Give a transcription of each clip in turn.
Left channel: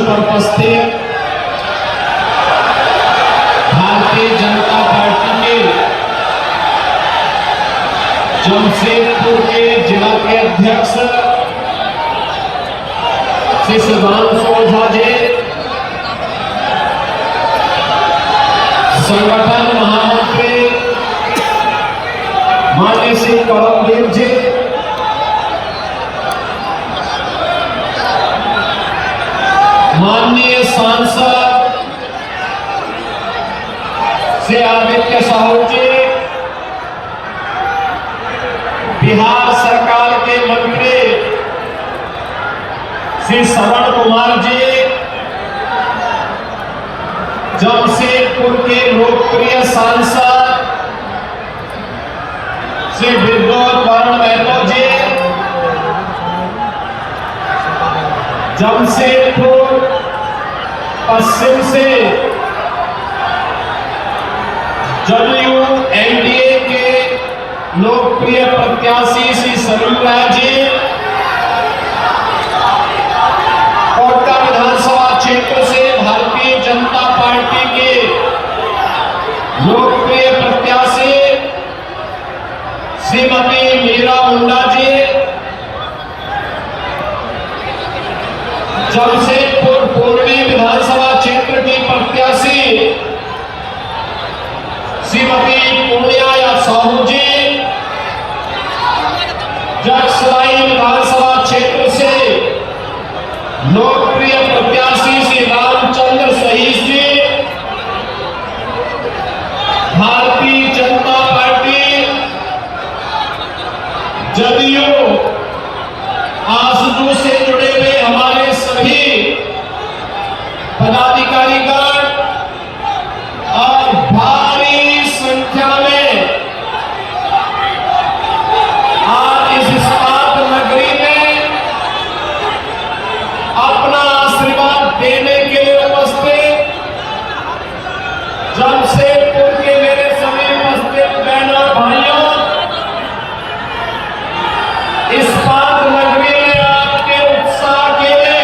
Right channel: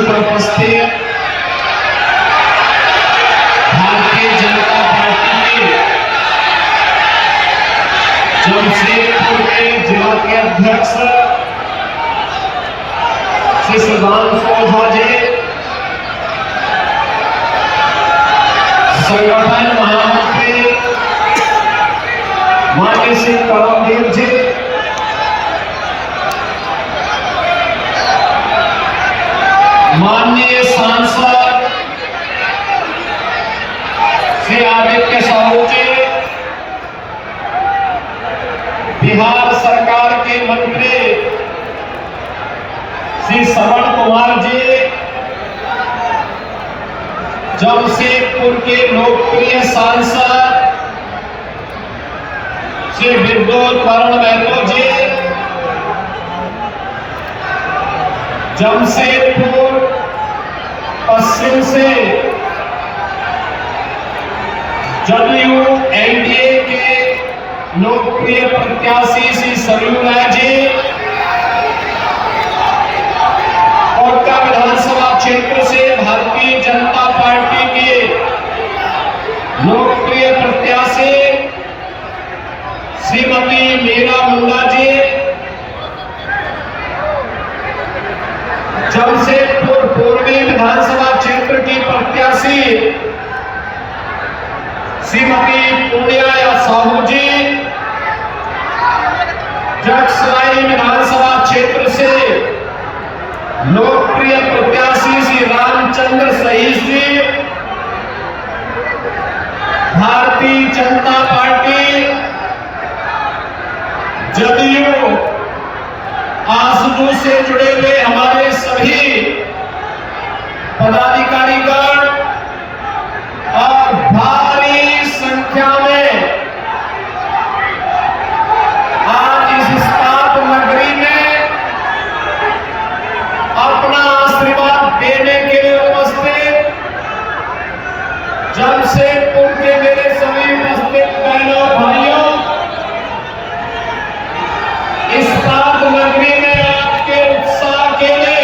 पर उपस्थित भारतीय जनता पार्टी के जमशेदपुर के जिला के अध्यक्ष श्री सुधांशु ओझा जी, संगठन महामंत्री माननीय श्री परमवीर जी, माननीय सांसद श्री आदित्य साहू जी, बिहार सरकार के मंत्री श्री श्रवण कुमार जी, जमशेदपुर के लोकप्रिय सांसद श्री विद्युत वरुण महतो जी, जमशेदपुर पश्चिम से जदयू एनडीए के लोकप्रिय प्रत्याशी श्री सरयू राय जी, कोटा विधानसभा क्षेत्र से भारतीय जनता पार्टी के लोकप्रिय प्रत्याशी श्रीमती मीरा मुंडा जी, जमशेदपुर पूर्वी विधानसभा क्षेत्र की प्रत्याशी श्रीमती पुण्या साहू जी, जगसराय विधानसभा क्षेत्र से लोकप्रिय प्रत्याशी श्री रामचंद्र सहीस जी, भारतीय जनता पार्टी जदयू आसू से जुड़े हुए हमारे सभी पदाधिकारीगण और भारी संख्या में आज इस इस्पात नगरी में अपना आशीर्वाद देने के लिए उपस्थित जमशेदपुर के मेरे सभी उपस्थित बहनों भाइयों, इस्पात नगरी में आपके उत्साह के लिए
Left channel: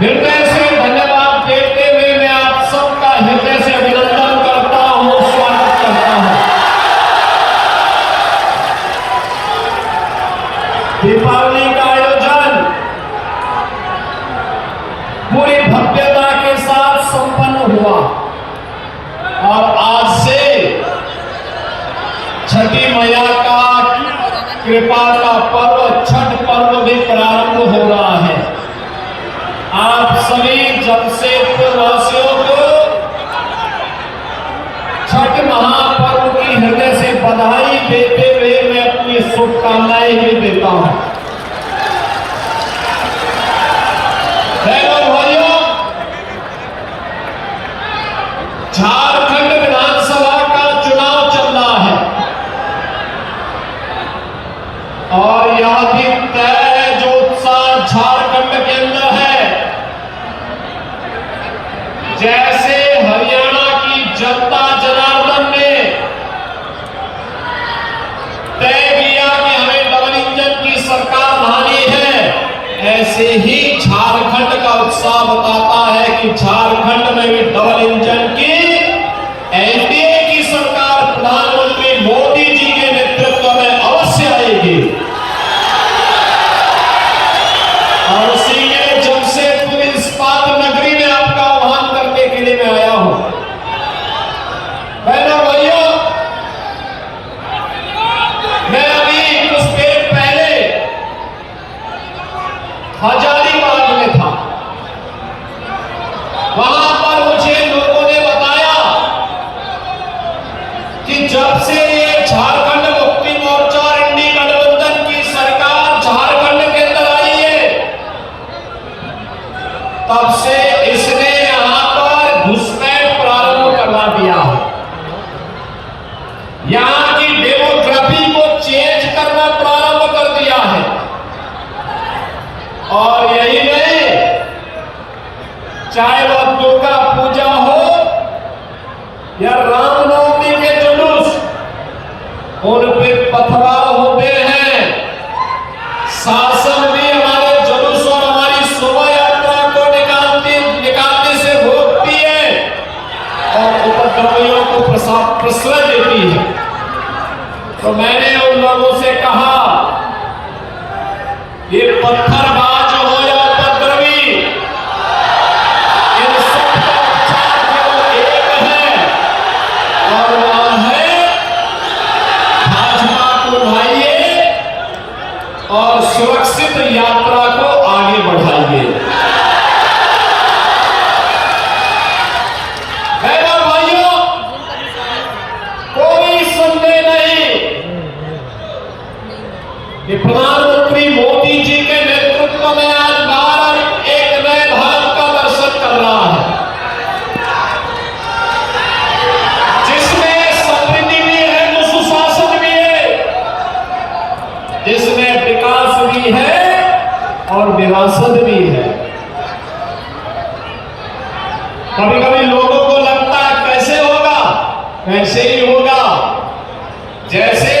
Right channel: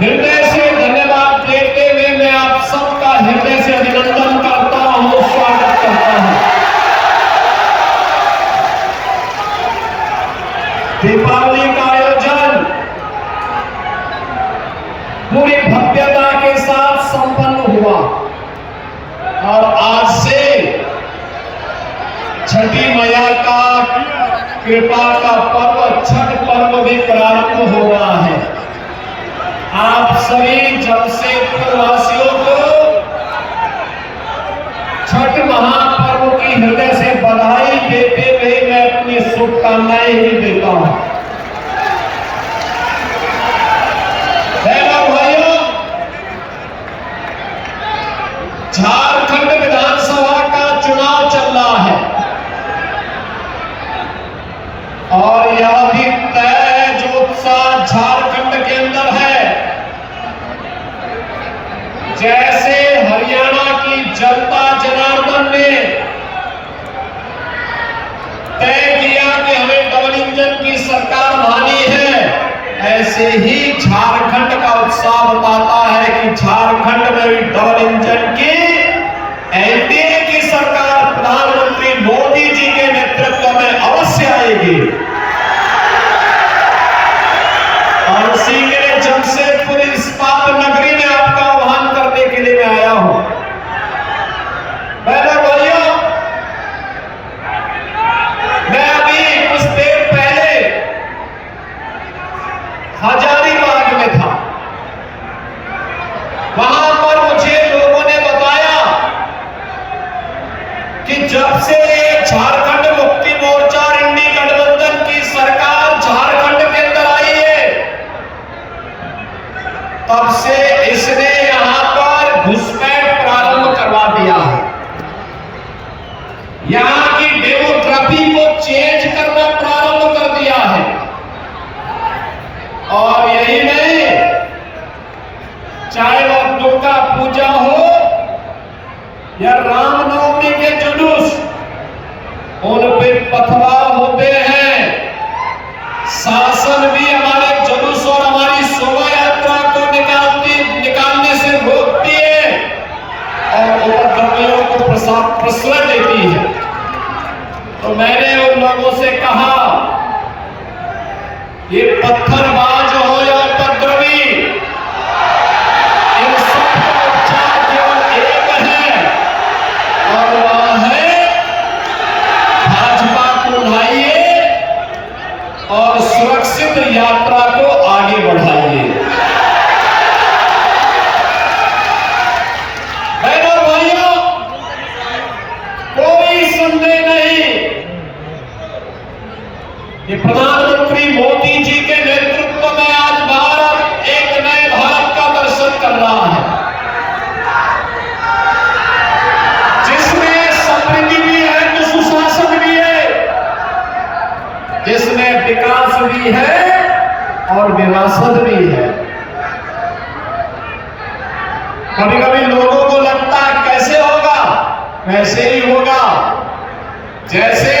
हृदय से धन्यवाद देते हुए मैं आप सबका हृदय से अभिनंदन करता हूं, स्वागत करता हूं। दीपावली का आयोजन पूरी भव्यता के साथ संपन्न हुआ और आज से छठी मैया का कृपा का पर्व छठ पर्व भी प्रारंभ हो रहा है। आप सभी जमशेदपुर वासियों को छठ महापर्व की हृदय से बधाई देते हुए मैं अपनी शुभकामनाएं भी देता हूं। भाइयों, झारखंड विधानसभा का चुनाव चल रहा है और यह भी तय है जो उत्साह झारखंड के अंदर है, जैसे हरियाणा की जनता जनार्दन ने तय किया कि हमें डबल इंजन की सरकार बनानी है, ऐसे ही झारखंड का उत्साह बताता है कि झारखंड में भी डबल इंजन की एनडीए की सरकार प्रधानमंत्री मोदी जी के नेतृत्व में अवश्य आएगी। और उसी में जमशेदपुर इस्पात नगरी में आपका आह्वान करने के लिए मैं आया हूं। भाइयों, मैं अभी कुछ देर पहले हजारीबाग में था। वहां पर मुझे लोगों ने बताया कि जब से ये झारखंड मुक्ति मोर्चा इंडी गठबंधन की सरकार झारखंड के अंदर आई है, तब से इसने यहां पर घुसपैठ प्रारंभ करवा दिया है। यहां की डेमोग्राफी को चेंज करना प्रारंभ कर दिया है। और यही नहीं, चाहे वह दुर्गा पूजा हो या रामनवमी के जुलूस, उन पे पथराव होते हैं। शासन भी हमारे जुलूस और हमारी और विरासत भी है। कभी कभी लोगों को लगता है कैसे होगा, कैसे ही होगा। जैसे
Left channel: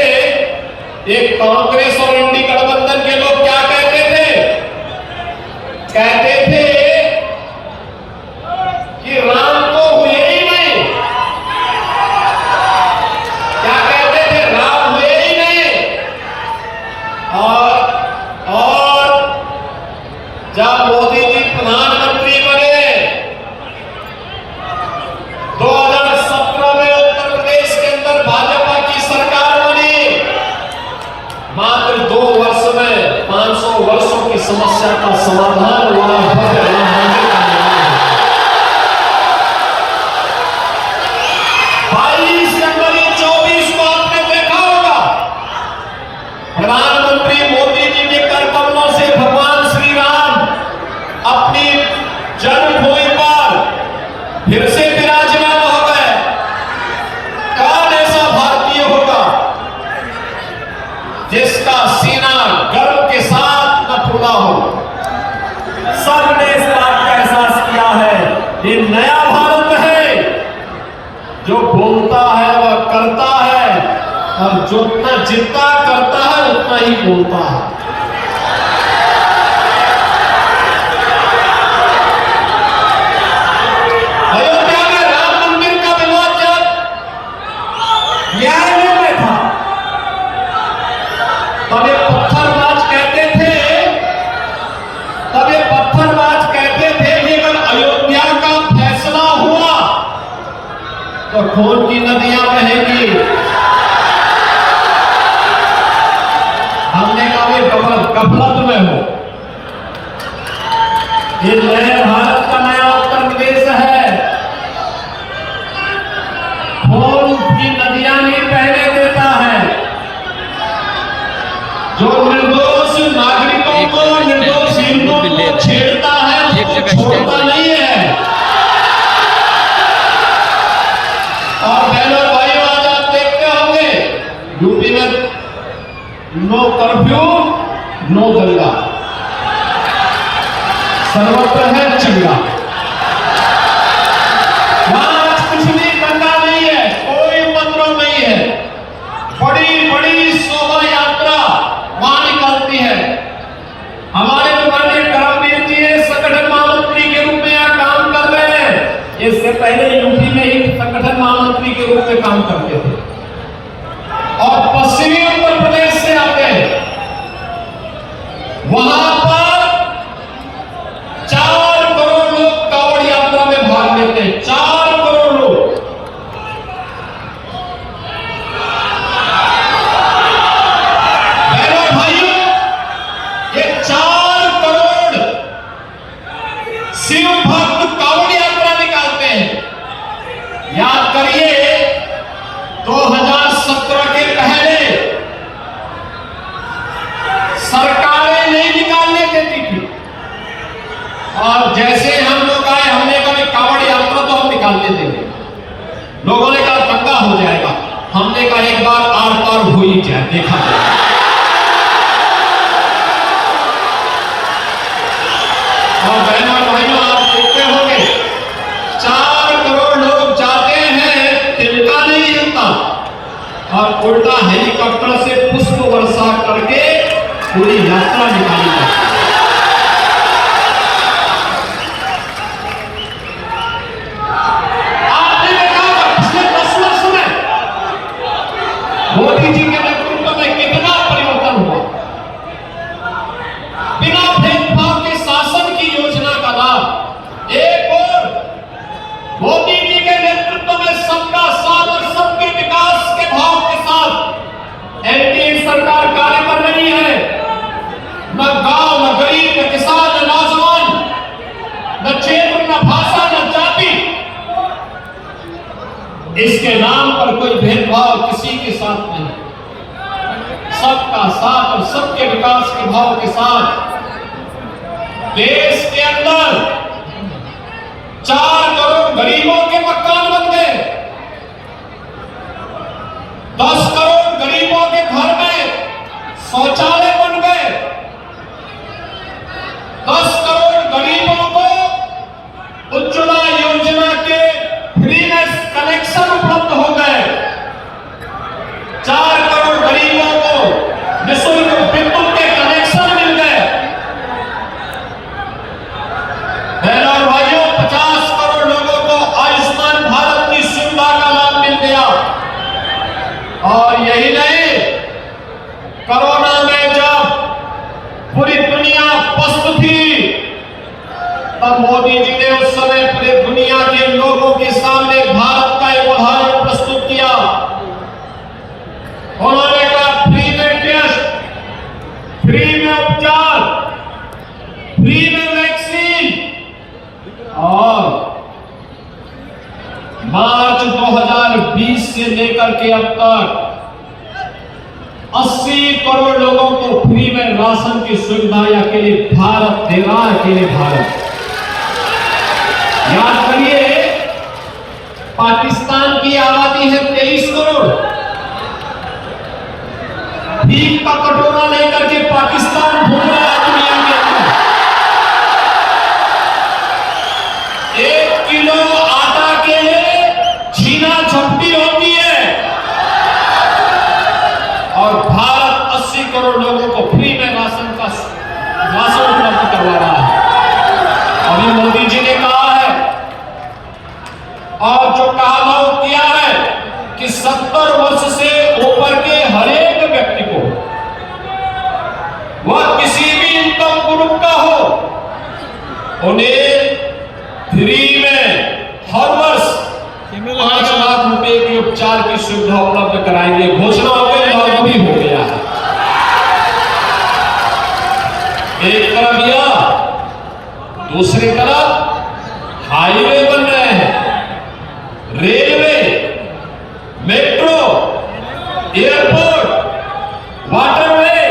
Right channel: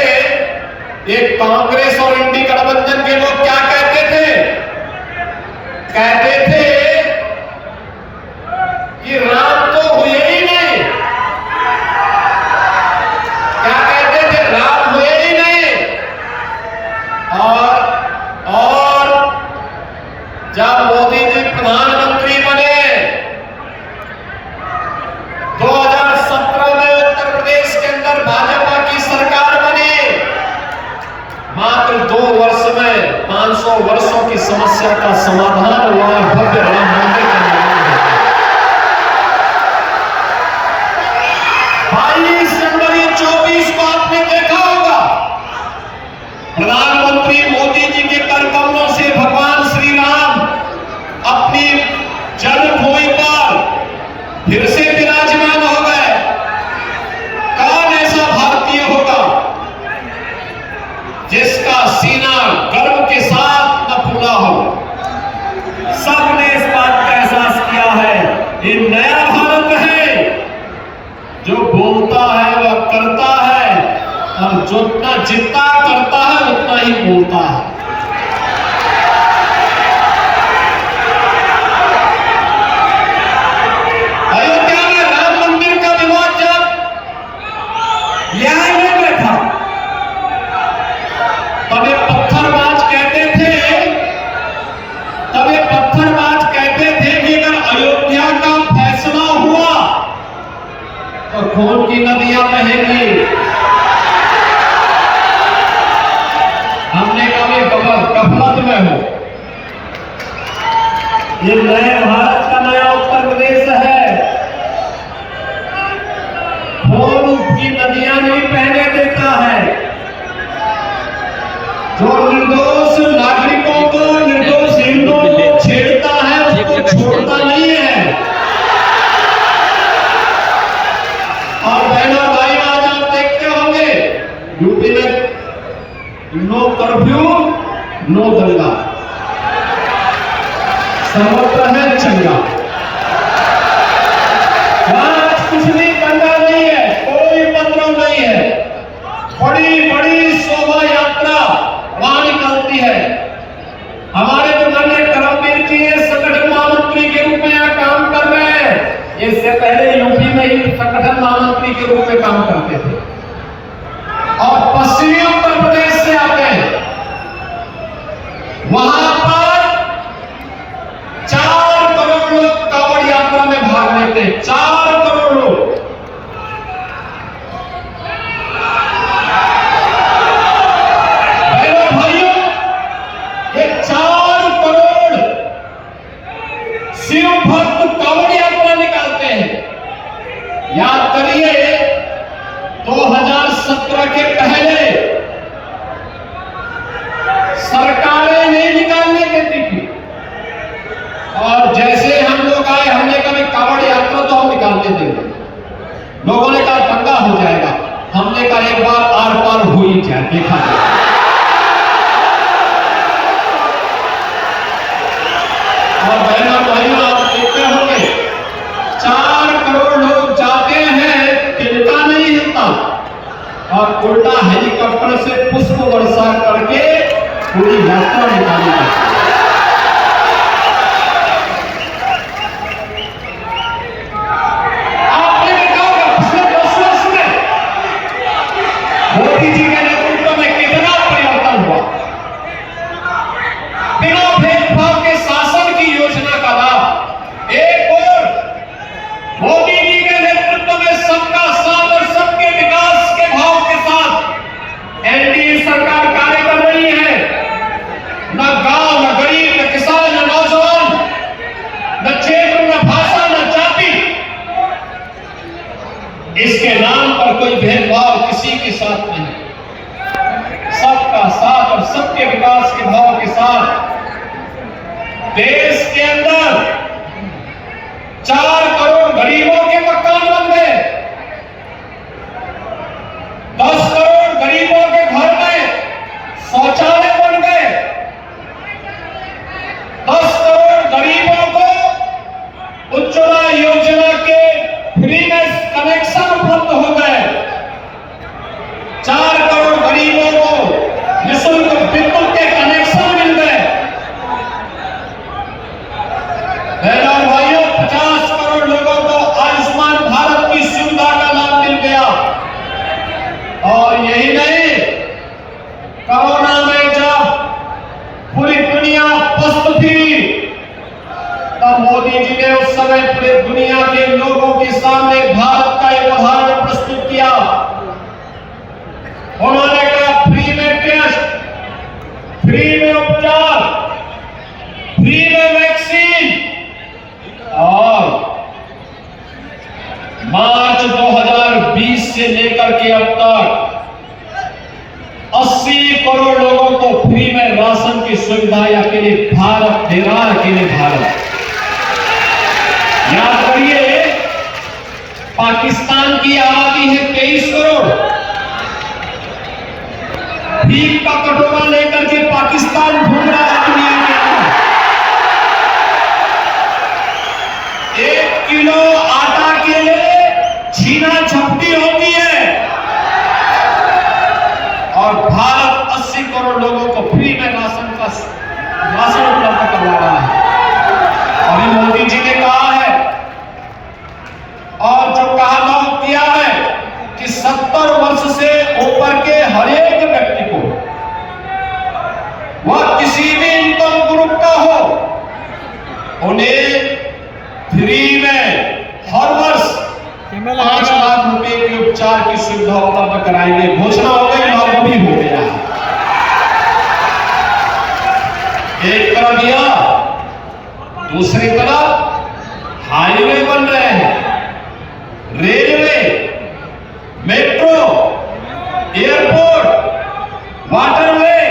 एक कांग्रेस और इंडी गठबंधन के लोग क्या कहते थे, कहते थे कि राम तो हुए ही नहीं। क्या कहते थे, राम हुए ही नहीं। और जब मोदी जी प्रधानमंत्री बने 2017 में उत्तर प्रदेश के अंदर भाजपा की सरकार बनी, मात्र 2 वर्ष में 500 वर्षों की समस्या का समाधान हुआ। 22 जनवरी 24 को आपने देखा होगा, प्रधानमंत्री मोदी जी के करकमलों से भगवान श्री राम अपनी जन्मभूमि पर फिर से विराजमान हो गए। कौन ऐसा भारतीय होगा जिसका सीना गर्व के साथ न फूला हो। सबने इस बात का एहसास किया है, ये नया भारत है, जो बोलता है वह करता है, और जितना करता है उतना ही बोलता है। अयोध्या में राम मंदिर का विवाद जब न्यायालय में था, तब ये पत्थरबाज कहते थे, कि अगर अयोध्या का फैसला हुआ तो खून की नदियां बहेंगी। हमने कहा गफलत में हो, ये नए भारत का नया उत्तर प्रदेश है, खून की नदियां नहीं बहने देता है। जो निर्दोष नागरिकों को, निर्दोष हिंदुओं को छेड़ता है, उसको छोड़ता नहीं है। और बहनों भाई, आज आप देखते होंगे यूपी में नो कर्फ्यू नो दंगा, सर्वत्र है चंगा। आज कुछ भी दंगा नहीं है, कोई उपद्रव नहीं है। बड़ी बड़ी शोभा यात्रा वहां निकलती है। हमारे जो माननीय करमवीर जी संगठन महामंत्री के रूप में यहाँ काम कर रहे हैं, इससे पहले यूपी में ही संगठन महामंत्री के रूप में काम करते थे, और पश्चिमी उत्तर प्रदेश से आते हैं। वहां पर 4 करोड़ लोग कांवड़ यात्रा में भाग लेते हैं, 4 करोड़ लोग। बहनों भाइयों, ये 4 करोड़ शिव भक्त कांवड़ यात्रा निकालते हैं। याद करिए, 2017 के पहले सरकारें नहीं निकालने देती थी, और जैसे हम लोग आए, हमने कभी कांवड़ यात्रा तो हम निकालने देंगे। लोगों ने कहा दंगा हो जाएगा, हमने कहा एक बार आर पार हो ही जाए, देखा जाए। और बहनों भाइयों, आप देखते होंगे 4 करोड़ लोग जाते हैं, तिनका नहीं हिलता, और उल्टा हेलीकॉप्टर से पुष्प वर्षा करके पूरी यात्रा निकाली जाती है। आपने देखा होगा पिछले 10 वर्ष में मोदी जी के नेतृत्व में कितना परिवर्तन हुआ। बिना भेदभाव के शासन की योजना का लाभ। एक और मोदी जी के नेतृत्व में सबका साथ और सबके विकास के भाव के साथ एनडीए सरकार कार्य कर रही है। न गांव, न गरीब, न किसान, न नौजवान, न क्षेत्र, न भाषा, न जाति, इसके नाम पर कोई भेदभाव किसी के साथ नहीं। सबका साथ और सबके विकास के भाव के साथ देश के अंदर 4 करोड़ गरीबों के मकान बन गए, 10 करोड़ गरीबों के घर में शौचालय बन गए, यही नहीं, कोरोना में जब पूरी दुनिया पस्त थी, तब मोदी जी ने उस समय पूरी दुनिया के लोगों के सामने भारत का एक उदाहरण प्रस्तुत किया। उन्होंने कहा फ्री में टेस्ट, फ्री में उपचार, फ्री में वैक्सीन, और मार्च 2020 से लेकर के अब तक 80 करोड़ लोगों को फ्री में राशन की सुविधा अकेले भारत दे रहा है, अकेले भारत। याद करिए, पाकिस्तान की आबादी है 23 करोड़। भीख का कटोरा लेकर के पाकिस्तान घूम रहा है दुनिया के अंदर। 1 किलो आटा के लिए छीना झपटी होती है, और भारत 80 करोड़ लोगों को फ्री में राशन उपलब्ध करवा रहा है। अभी मोदी जी ने कहा है, और जो कहा किया है कि 70 वर्ष से ऊपर के हर एक व्यक्ति को, वह किसी भी इनकम ग्रुप का हो, उन्हें फ्री में हर वर्ष 5 लाख रुपए के उपचार की सुविधा उपलब्ध कराएंगे। घोषणा हो गई और अभी हो गया। एक तरफ यह, दूसरी तरफ हाईवे बन रहे हैं, रेलवे, मेट्रो, एयरपोर्ट, वाटरवे,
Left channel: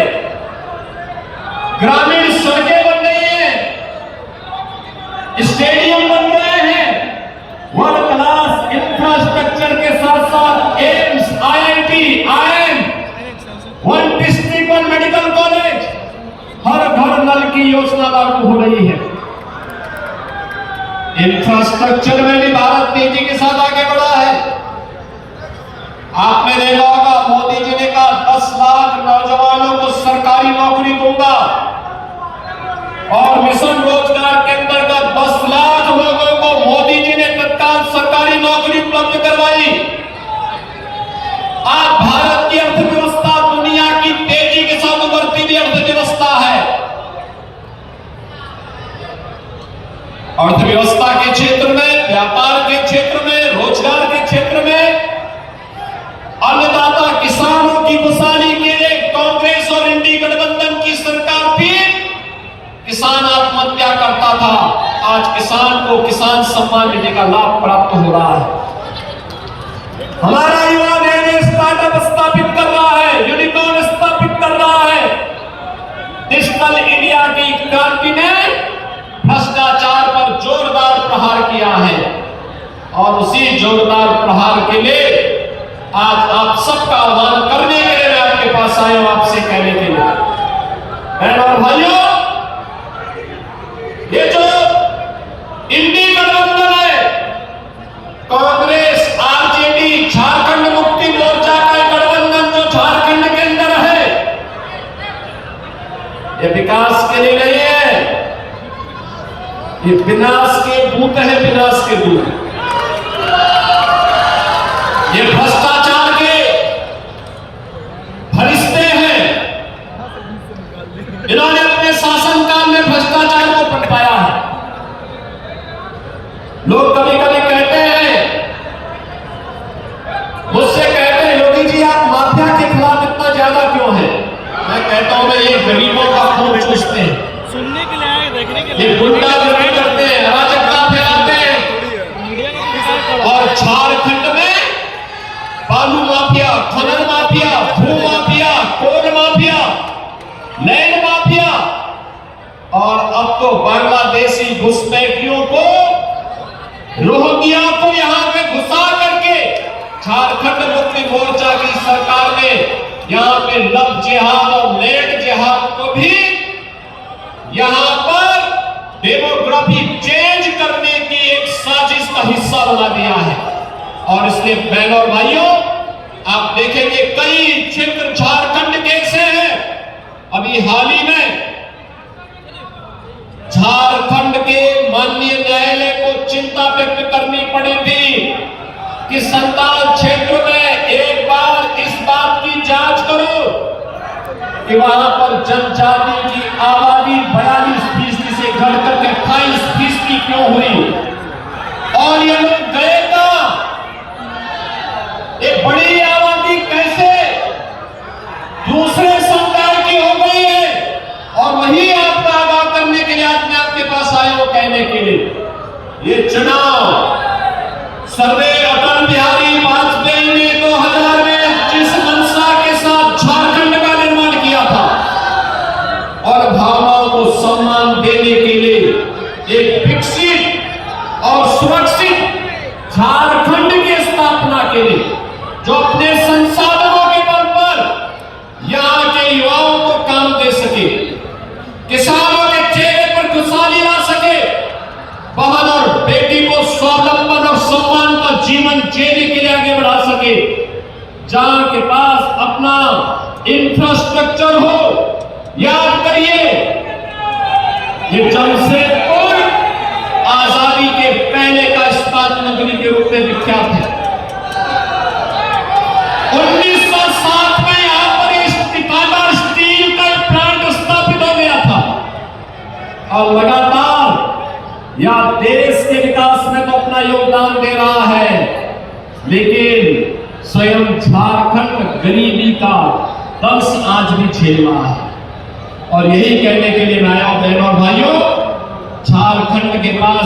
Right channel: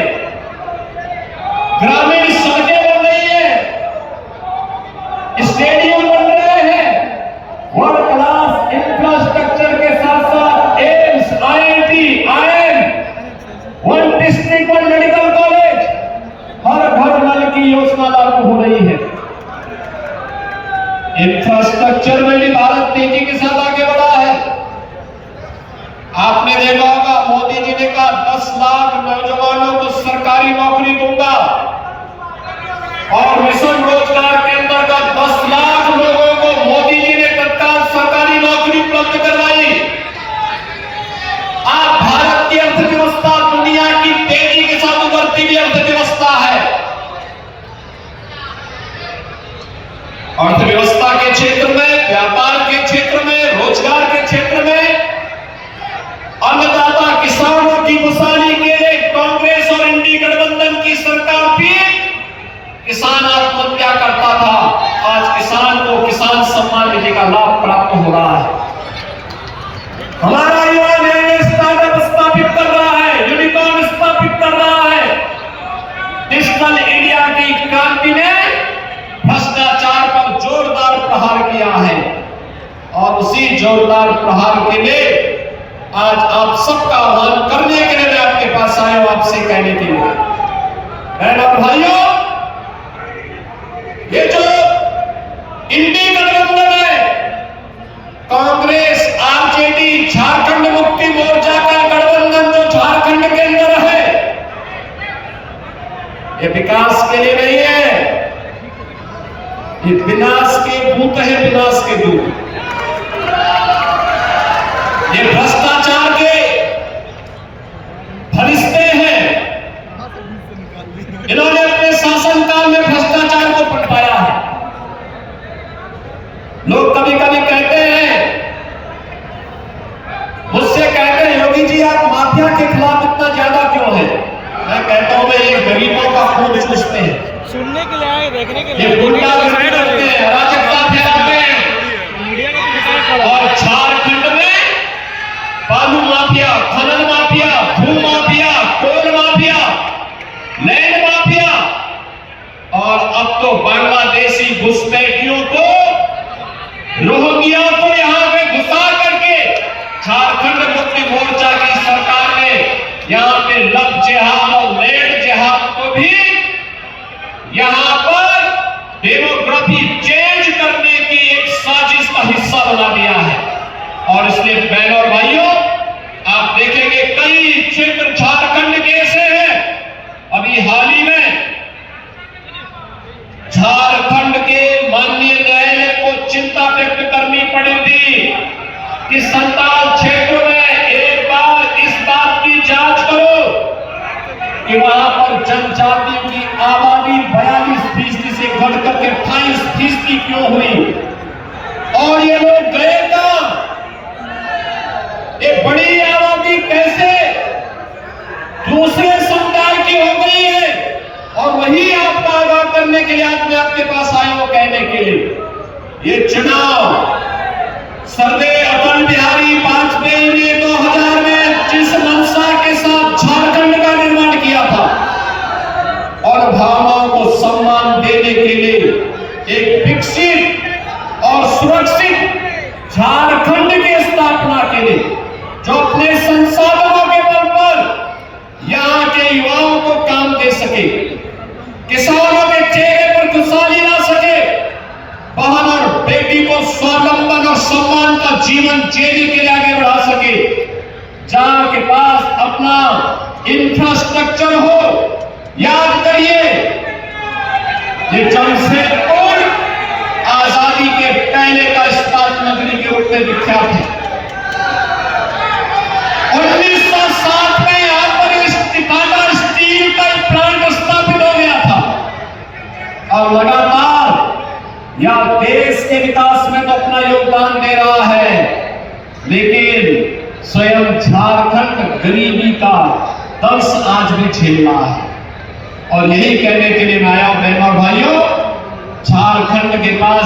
ग्रामीण सड़कें बन रही हैं, स्टेडियम बन रहे हैं, वर्ल्ड क्लास इंफ्रास्ट्रक्चर के साथ साथ एम्स, IIT, IIM, 1 डिस्ट्रिक्ट और मेडिकल कॉलेज, हर घर नल की योजना लागू हो रही है। इंफ्रास्ट्रक्चर में भी भारत तेजी के साथ आगे बढ़ा है। आपने देखा होगा, मोदी जी ने कहा 10 लाख नौजवानों को सरकारी नौकरी दूंगा, और मिशन रोजगार के अंतर्गत 10 लाख लोगों को मोदी जी ने तत्काल सरकारी नौकरी उपलब्ध करवाई। आज भारत की अर्थव्यवस्था दुनिया की तेजी के साथ उभरती हुई अर्थव्यवस्था है। अर्थव्यवस्था के क्षेत्र में, व्यापार के क्षेत्र में, रोजगार के क्षेत्र में अन्नदाता किसानों की खुशहाली के लिए कांग्रेस और इंडी गठबंधन की सरकार भी किसान आत्महत्या करता था, आज किसान को किसान सम्मान निधि का लाभ प्राप्त हो रहा है। हमारा युवा नए स्टार्टअप स्थापित कर रहा है, यूनिकॉर्न स्थापित कर रहा है। डिजिटल इंडिया की क्रांति ने भ्रष्टाचार पर जोरदार प्रहार किया है, और उसी जोरदार प्रहार के लिए आज आप सबका आह्वान करने के लिए मैं आपके पास आया हूं, आपसे कहने के लिए। बहनों और भाइयों, ये जो इंडी गठबंधन है, कांग्रेस, आरजेडी, झारखंड मुक्ति मोर्चा का गठबंधन जो झारखंड के अंदर है, ये विकास के लिए नहीं है, ये विनाश के दूत है, विनाश के दूत। ये भ्रष्टाचार के फरिश्ते हैं। इन्होंने अपने शासनकाल में भ्रष्टाचार को पटवाया है। लोग कभी कभी कहते हैं, मुझसे कहते हैं, योगी जी आप माफिया के खिलाफ इतना ज्यादा क्यों है? मैं कहता हूं ये गरीबों का खून चूसते हैं, सुनने के लिए, देखने के लिए, ये गुंडागर्दी करते हैं, अराजकता फैलाते हैं। और झारखंड में बालू माफिया, खनन माफिया, भू माफिया, कोल माफिया, लैंड माफिया, और अब तो बांग्लादेशी घुसपैठियों को, रोहिंग्या को यहां पे घुसा करके झारखंड मुक्ति मोर्चा की सरकार ने यहां पे लव जिहाद और लैंड जिहाद को भी यहां पर डेमोग्राफी चेंज करने की एक साजिश का हिस्सा बना दिया है। और इसलिए बहनों और भाइयों, आप देखेंगे कई क्षेत्र झारखंड के ऐसे हैं। अभी हाल ही में झारखंड के माननीय न्यायालय को चिंता व्यक्त करनी पड़ी थी कि संताल क्षेत्र में एक बार इस बात की कि वहां पर जनजातियों की आबादी 42% से घटकर के 28% क्यों हुई, और ये लोग गए कहां? एक बड़ी आबादी कैसे दूसरे समुदाय की हो गई है, और वही आपको आगाह करने के लिए आज मैं आपके पास आया हूं कहने के लिए, ये चुनाव सर्दार अटल बिहारी वाजपेयी ने 2000 में जिस मंशा के साथ झारखंड का निर्माण किया था और भावनाओं को सम्मान देने के लिए एक विकसित और सुरक्षित झारखंड की स्थापना के लिए, जो अपने संसाधनों के बल पर यहाँ के युवाओं को काम दे सके, किसानों के चेहरे पर खुशहाली ला सके, बहन और बेटी को स्वावलंबन और सम्मान का जीवन जीने के लिए आगे बढ़ा सके, जहां के पास अपना इंफ्रास्ट्रक्चर हो। याद करिए, ये जमशेदपुर आजादी के पहले का इस्पात नगरी के रूप में विख्यात है। 1907 में यहां पर टिकाना स्टील का प्लांट स्थापित हो गया था, और लगातार यह देश के विकास में तो अपना योगदान दे रहा है, लेकिन स्वयं झारखंड गरीबी का दर्श आज भी झेल रहा है। और यही कहने के लिए मैं आया, बहनों और भाइयों, झारखंड के पास